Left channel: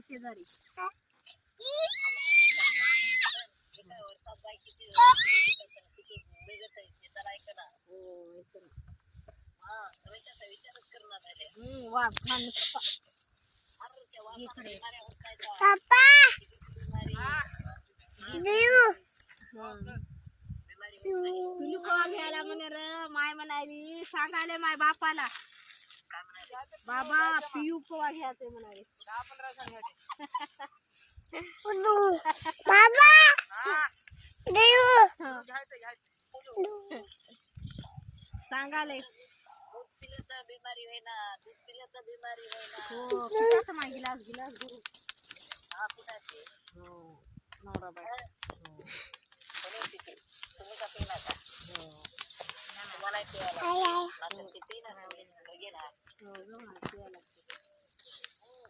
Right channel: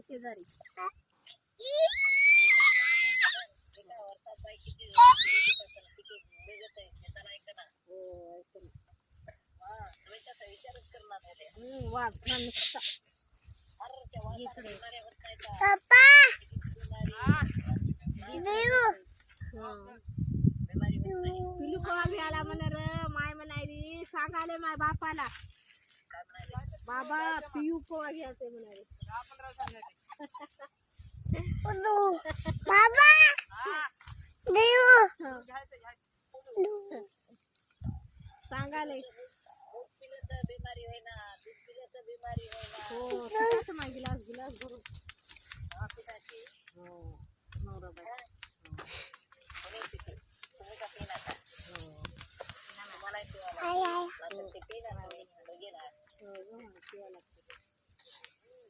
शेजारी घ्यायला म्हणा र माय म्हणाली सांगायले माय बापाला बाबा पियू कोवा घ्यायचंय म्हणाले बाबा सांगाले बिमारी होईना दूध पिलं तर बिमारी होईना हो गिलास गिलास भरून